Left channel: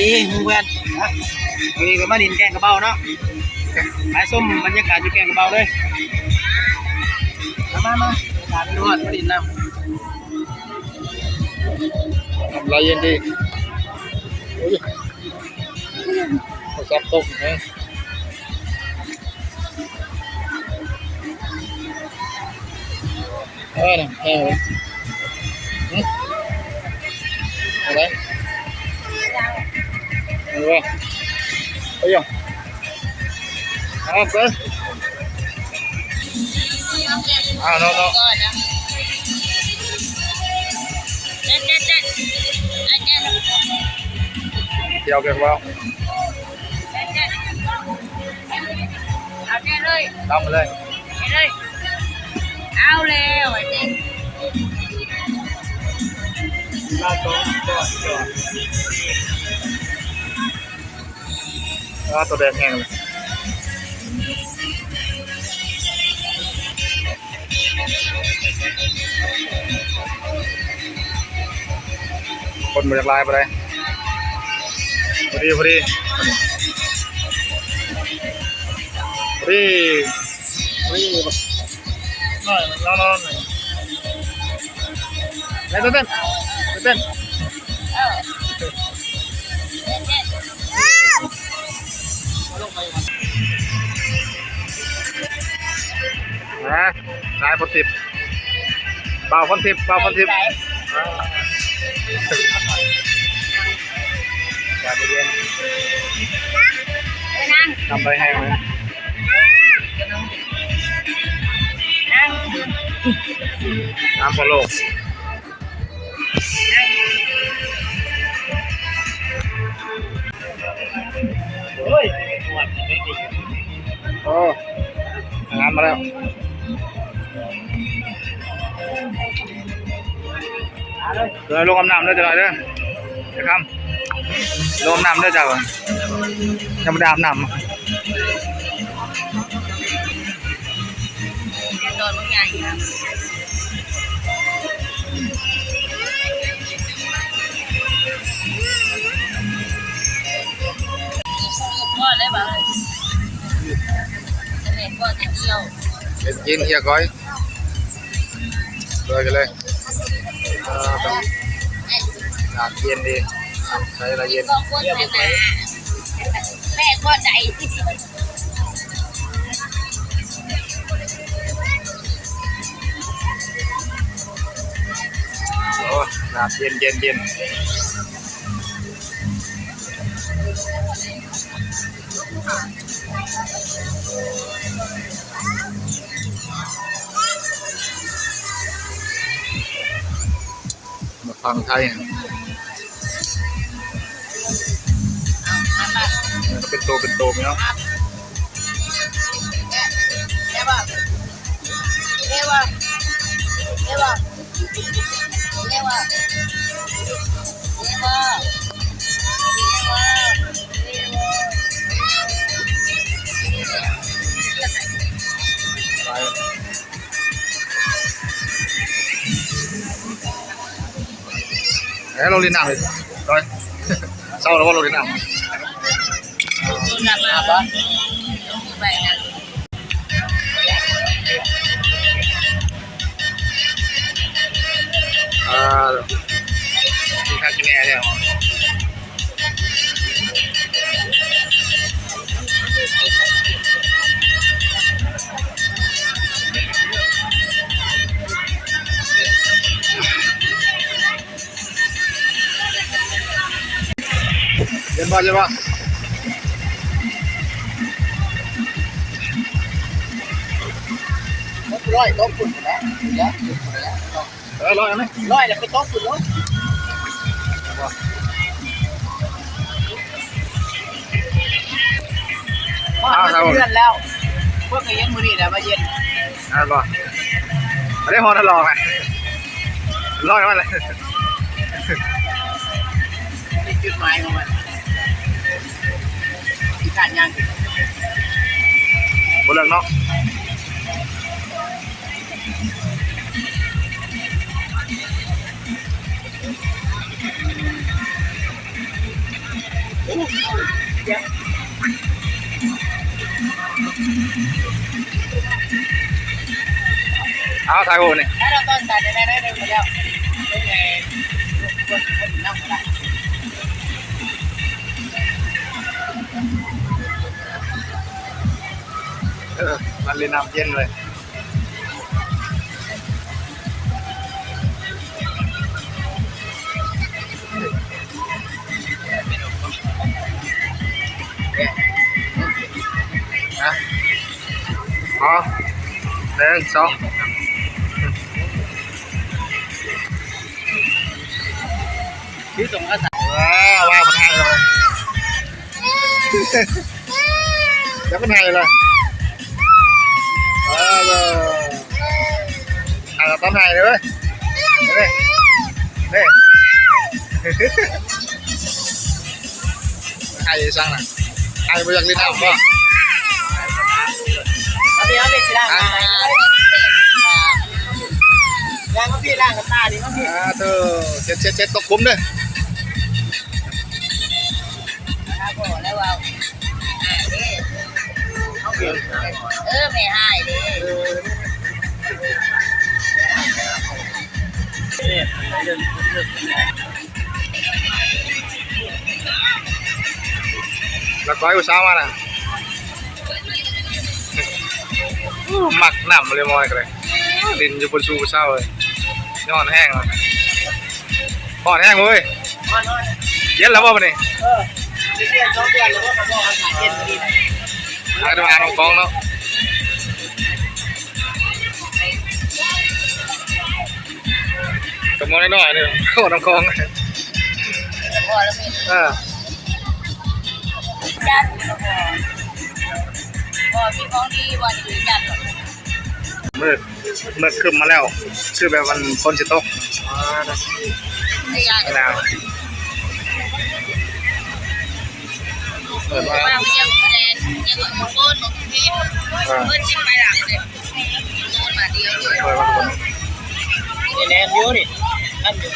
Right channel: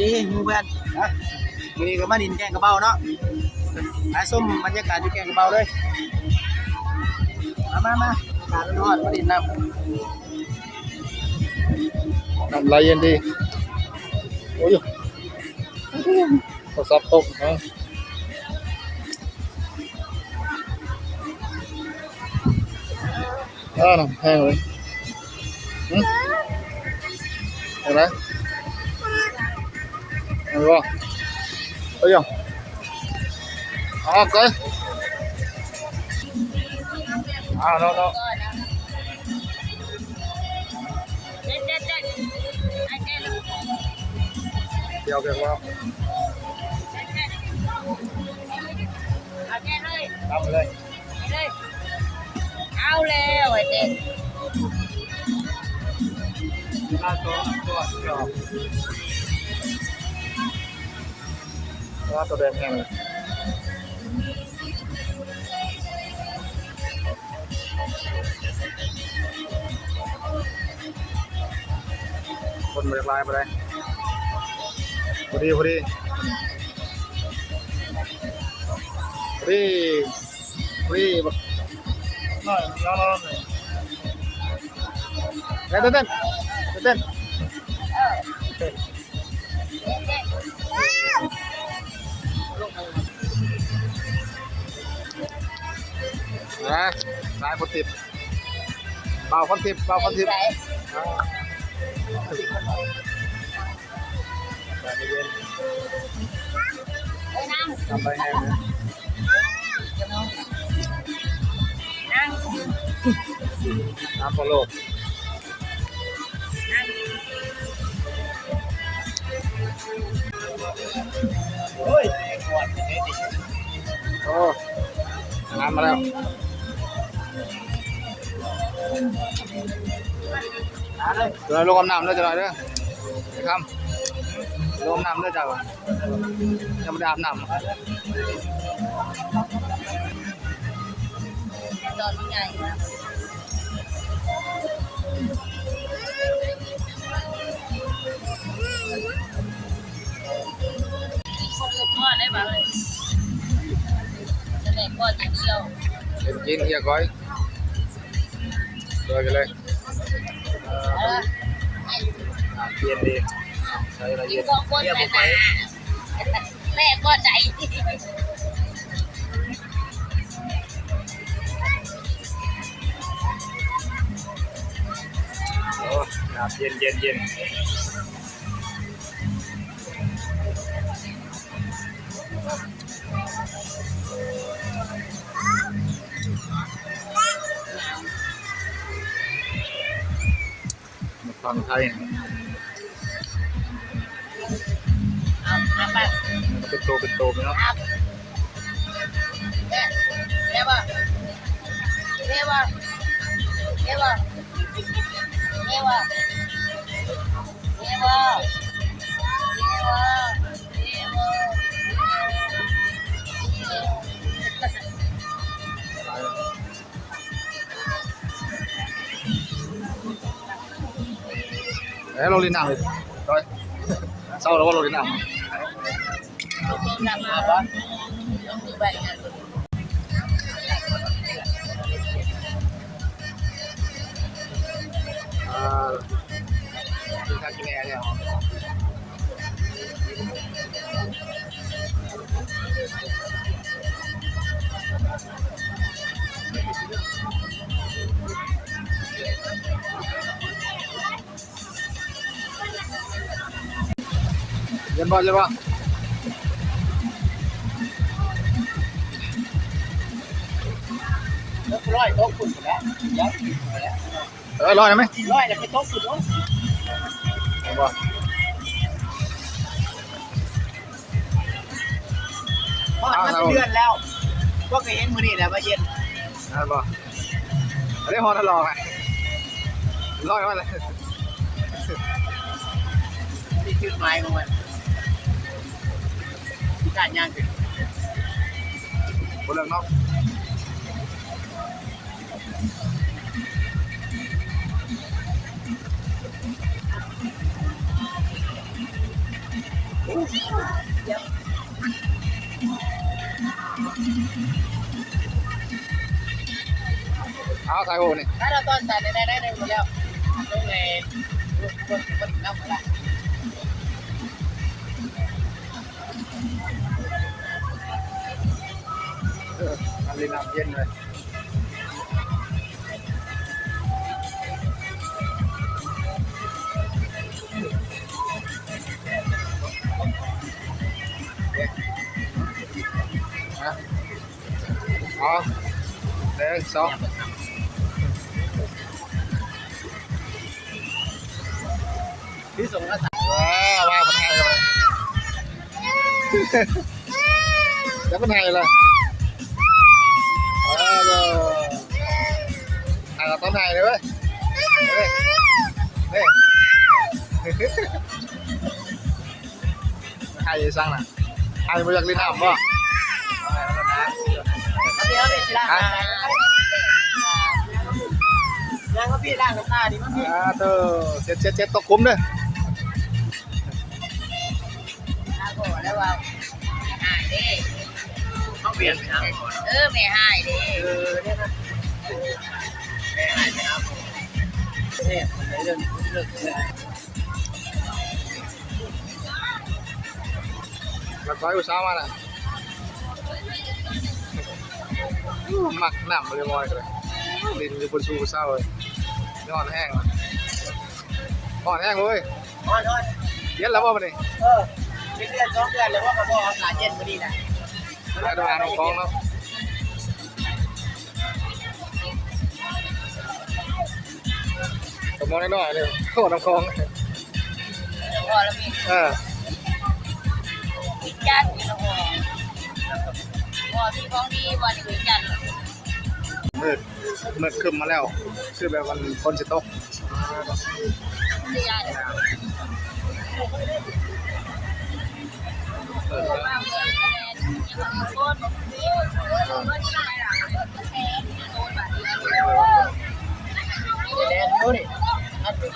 ดีเพื่อนนี่ก็มาดินแกงกระเบ้าเนาะขายส้มบรรยากาศอยู่แกงกระเบ้าเลยมาตาดนวดมาดินน้ำไหลเย็นดีโอ้ยซับตกนะน้ำแห้งเลยอะไรมันว่าเอ้ยก็น้องเดี๋ยวเก็บว่าเอาเลยเอาแล้วไอ้เด็กตัวแดงแห้งคนมาจากลายไปเลยพอดีน้อยเต้นลายคนทิพย์เบาคนทิพย์ทำไปให้ไหมน้ำพะโล้โอ้งามมาแล้วเลยลงน้ำด้วยจะหน่อยด้วยจะทำลงน้ำด้วยจ้ะยังไม่ได้อาบน้ำตอนมันใหญ่พ่อได้ป่ะแม่พ่อจะเที่ยวกินเฮียก้อยเลยกันเลยอากเย็นดีใส่ละเย็นก็โคตรใจมาแม่ก็ใจโอ้อากเย็นมาฟังไทยเป็นโตไหมเนาะเดี๋ยวบอกเราเรียนหนังเลยร้อยเศร้าแล้วว่าเราเรียนหนังที่ข้ากินแน่เนี่ยเดินบอลใช่ปะร้อยโต๊ะฝุ่นแล้วร้อยไหมร้อยแล้วไปโต๊ะฝุ่นแล้วเดือนแล้วพวกเย็นมือนี่แหละมาเย็นป่ะได้พอทดลองไงร้อยมาเลยนี่คือไม้ของมันการยันบนเรื่องเนาะ เอาถ่ายหูนี่ ถ้าเราต้นสายได้หมดแล้วลูกในคนน้ำละ มันเลยน้ำเย็นเลยนะอ๋อ1 2ที่ส่งก็ใส่ ว้าวมันไทยเลยแล้วมันไทยเลยต้องไทยเลยนี่ไทยสั่งนะไทยไม่อยากลิ้นเอาป่ะ เอาพี่สิล่างย่างก็พี่ล่างกับตาดิก็พี่ เธอเช็ดตกคุ้มเลย แล้วว่าเขาเปลี่ยน ไม่ให้ดิ แล้วก้อยอุตส่าห์มาน่ะหมักหนำเลยมอยกันเลยดินอยู่บนชูเศร้าเลยนอนแห้งเลยพอแห้งเลยเย็นแล้วป่ะวันนี้ เปลี่ยน2 เดือนแล้วก็มาบอกอากาศเย็นพอดีนะ หายไปมาน้องกองเนาะตกมองน้อยๆนี่โอ้น้องกอง พอแล้วมีญาติพอมีของดีวันนี้จัด มืดขึ้นมาแล้วคือแบบมันคนจะตก ได้ยา นะเปิดว่า มาเยี่ยมแนนยังกับโคนบอกพี่เพื่อนจิ้มไปหลังเลยโดนมาเดียวเลย เปิดว่า แนนเยอะนี่นั่นอยู่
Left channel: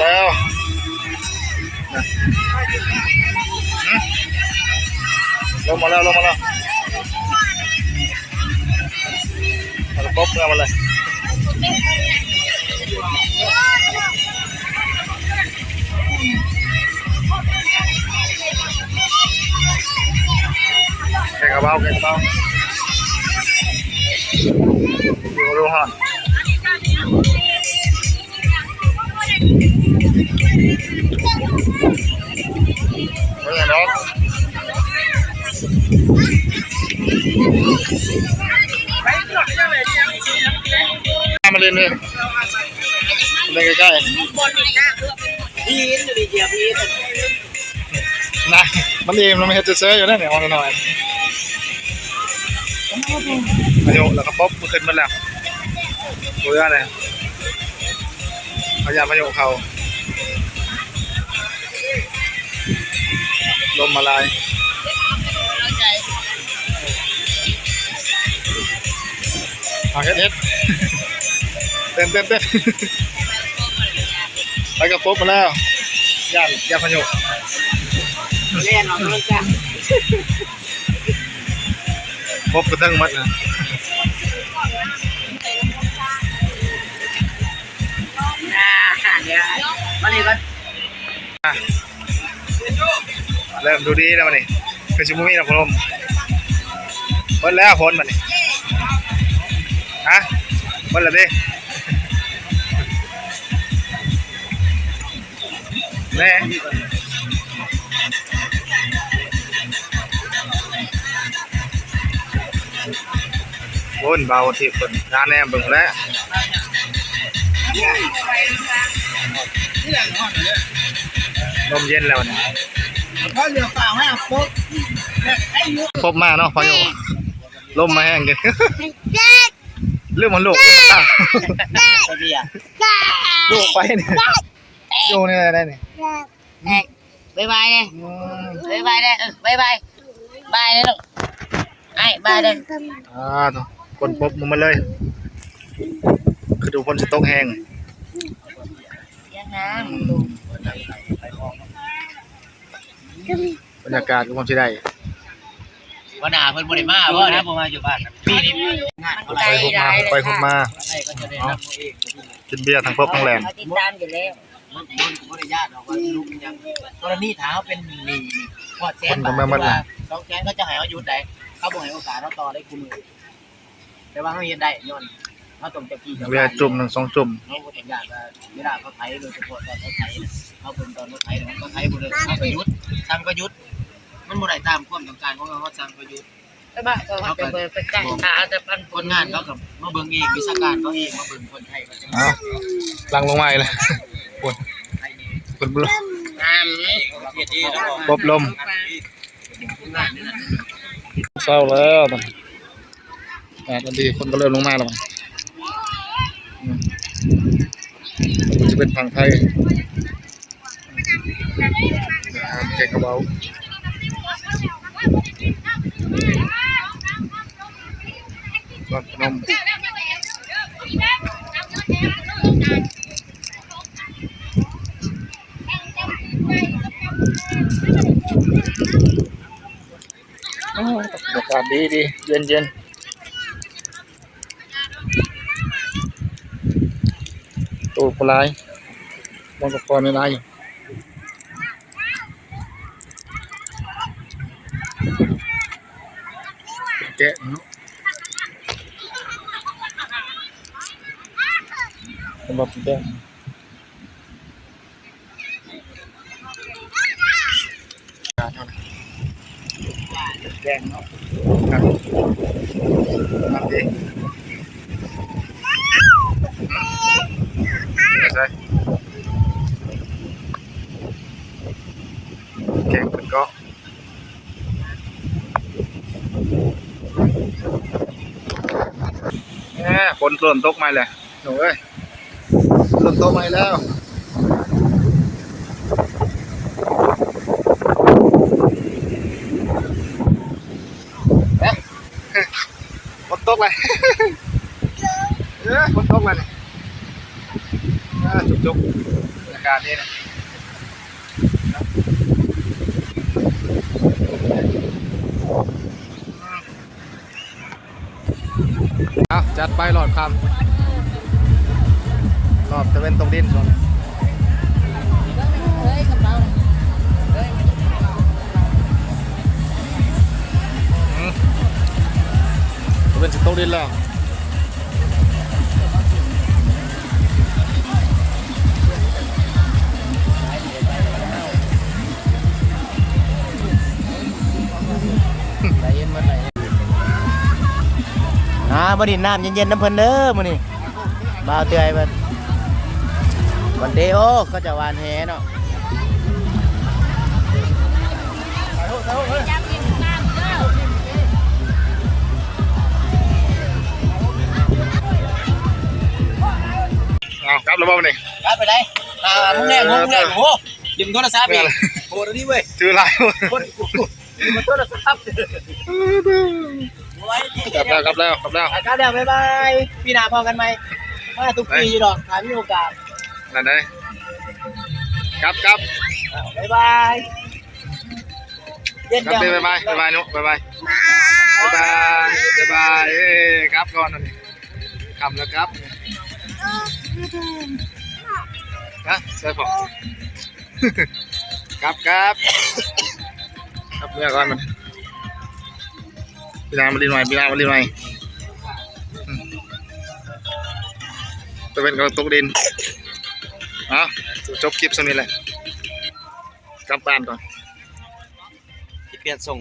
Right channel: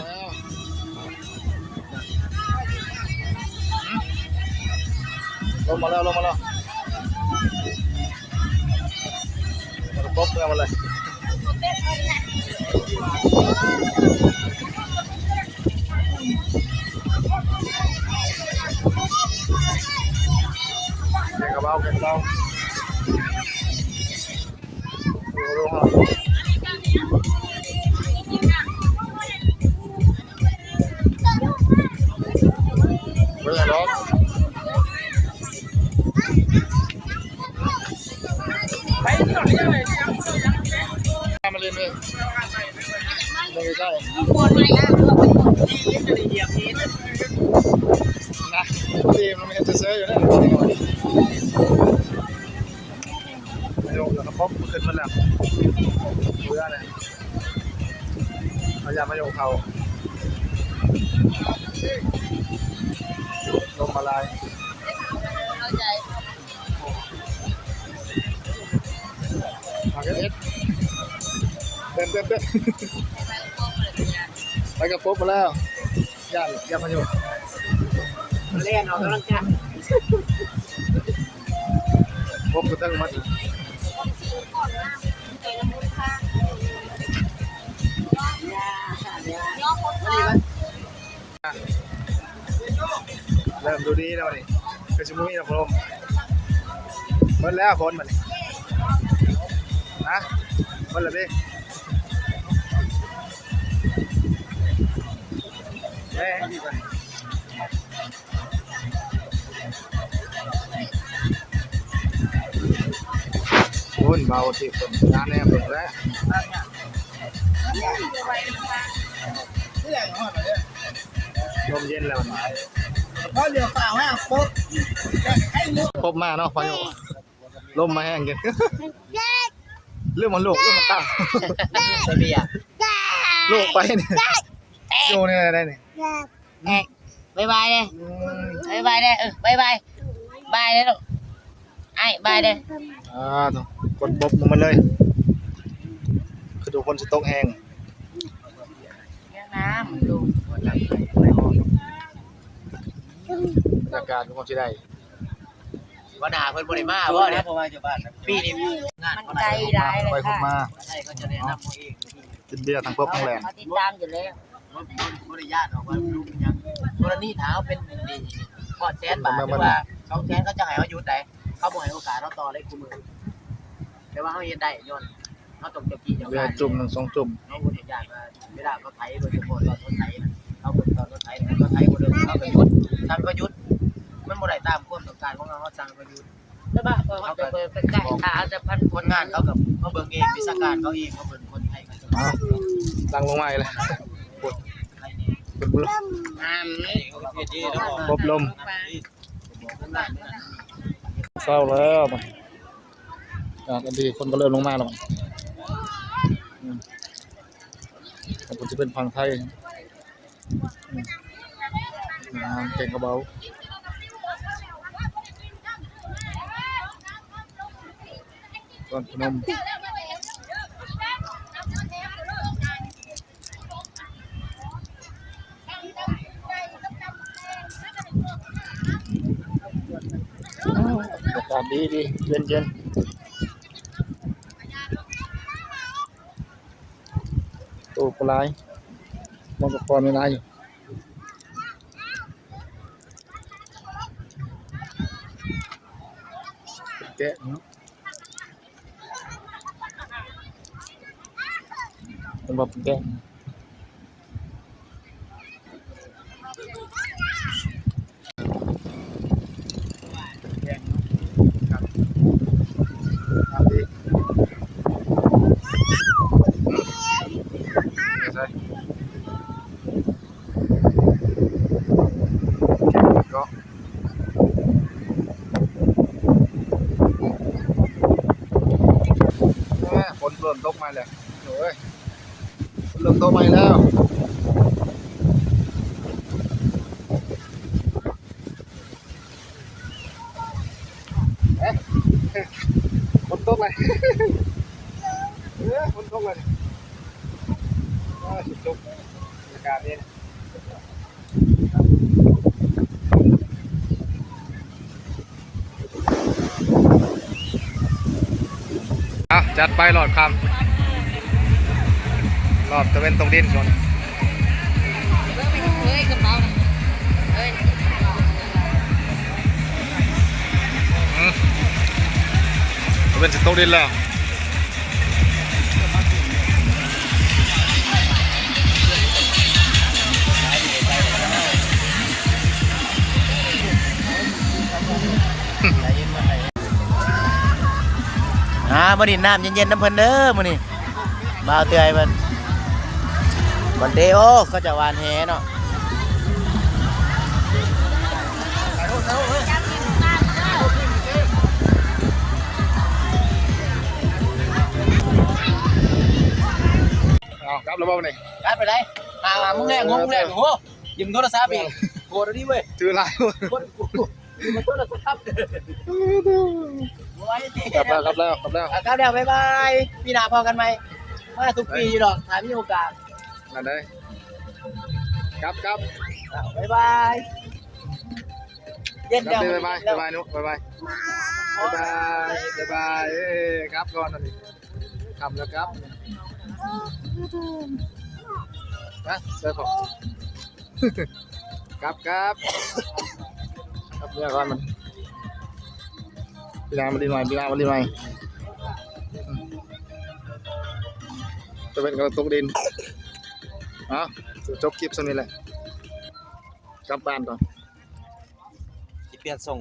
แล้วลงมาแล้วมาป๊บเงามาเลยแกงกระเป๋าดูฮะเป็นไงน้องมาเล่นเลยเล่นใกล้ๆ พี่จะมีเดียพี่ นะทีมเราไม่เห็นจะเซอร์อยู่นั่นหน่อยหน่อยประโยคแล้วก็ป๊อปขึ้นมาแล้วดูได้เลยพยายามประโยคเขาลมมาลาย เข้าใจ เฮ็ดเต้นไปกับป๊อปมาแล้วย่านประโยค เล่นเอาแล้วจ้ะ ป๊อปกระตั้งมัดนะ เดี๋ยววันนี้ก็ เริ่มดูดีแล้วนี่เป็นชิมุมี่นะพลมหมดแล้วคนมันนี่ฮะหมดแล้วดิแม่คนเบาที่คนน้าแนมเบิ่งแล้วลมเย็นแล้วนี่ เพราะเรือเปล่าให้ครบ ครบมากเนาะพายุลมมาแห้งกันเรื่องมันลูกตาลูกไปเนี่ยดูเนี่ยได้เนี่ย บายบายเลยบายบายเลยบายบายบายเลยลูกไอ้ บายเลย คนบกมันเลยคือดูคนจะตกแห้ง ยังน้ำดู บรรยากาศก็ความที่ได้ วันหนาเพิ่นบริมาว่าเนี่ยผมมาอยู่บ้านปีนี้งานเขา ไปคุกมาไปคุกมา ให้ก็จะได้รับเอง กินเบียร์ทั้งพบทั้งแหลม เขาติดตามอยู่แล้วบริญาตออกมาลูกยังกรณีเท้าเป็นหนี้พอดแสนบาทว่า2 แสนก็จะให้เขาหยุดได้เขาบอกให้โอกาสเขาต่อได้คุมแต่ว่าเขาเรียนได้ย้อนเขาต้องจะกี่ เบียร์จุ่มหนึ่งสองจุ่ม เขาพูดอย่างว่าเวลาเขาไถโดยเฉพาะตอนเขาไถเขาพูดตอนเขาไถเขาไถคนเดียวเขาไปยุดสั่งก็ยุดมันบ่ได้ตามความต้องการของเขาสั่งก็ยุดแล้วบ้าเขาจะเป็นการอาจจะพันคนงานเขากับมาเบิ่งเองวิชาการเขาเองมาเบิ่งคนไทยเขาจะ อ้าวลังลงมาอีกเลยปวดปวดบุล งานนี่ดีแล้ว ปบลมเศร้าแล้วตอนนี้คนก็เริ่มลงมาแล้วมันจะเป็นฝั่งไทยเก่งกระเบาก่อนพนมอากาศดีดีเย็นเย็นตัวปลายมันก็พอในในแกะเนาะมาแกะแกะเนาะครับทำเองใช่แกงก็ฝนเริ่มตกมาเลยหนูเอ้ยเริ่มตกมาแล้วฝนตกเลยฝนตกเลยจุกๆอากาศดีนะจัดไปหลอดคำรอบตะเวนตรงดินส่วนนี้ตะเวนจะตรงดินแล้วมาดินน้ำเย็นๆน้ำเพลินเด้อมื้อนี้บ่าวเตยมันวันเดโอก็จะหวานแหเนาะ ครับแล้วบ้างนี่ ไปไหนมึงแน่งโหยืมโทรศัพท์อีกโหนี่เว้ย ถือลาย ยืมโทรศัพท์กลับแล้วครับเดี๋ยวบ๊ายบายพี่นาพอกันไหมมาทุกปีดอกถามมีโอกาส นั่นไงครับ บ๊ายบายเย็น ครั เดียว บบ๊ายบายนุ๊กบ๊ายบายครับก่อนนั่นนี่คำแล้วครับนะใช่ปะครับเมื่อก่อนมันพี่นามาดินใหม่จะเป็นกระตุกดินจบคลิปสักนิดเลยกลับบ้านก่อน เปลี่ยนส่ง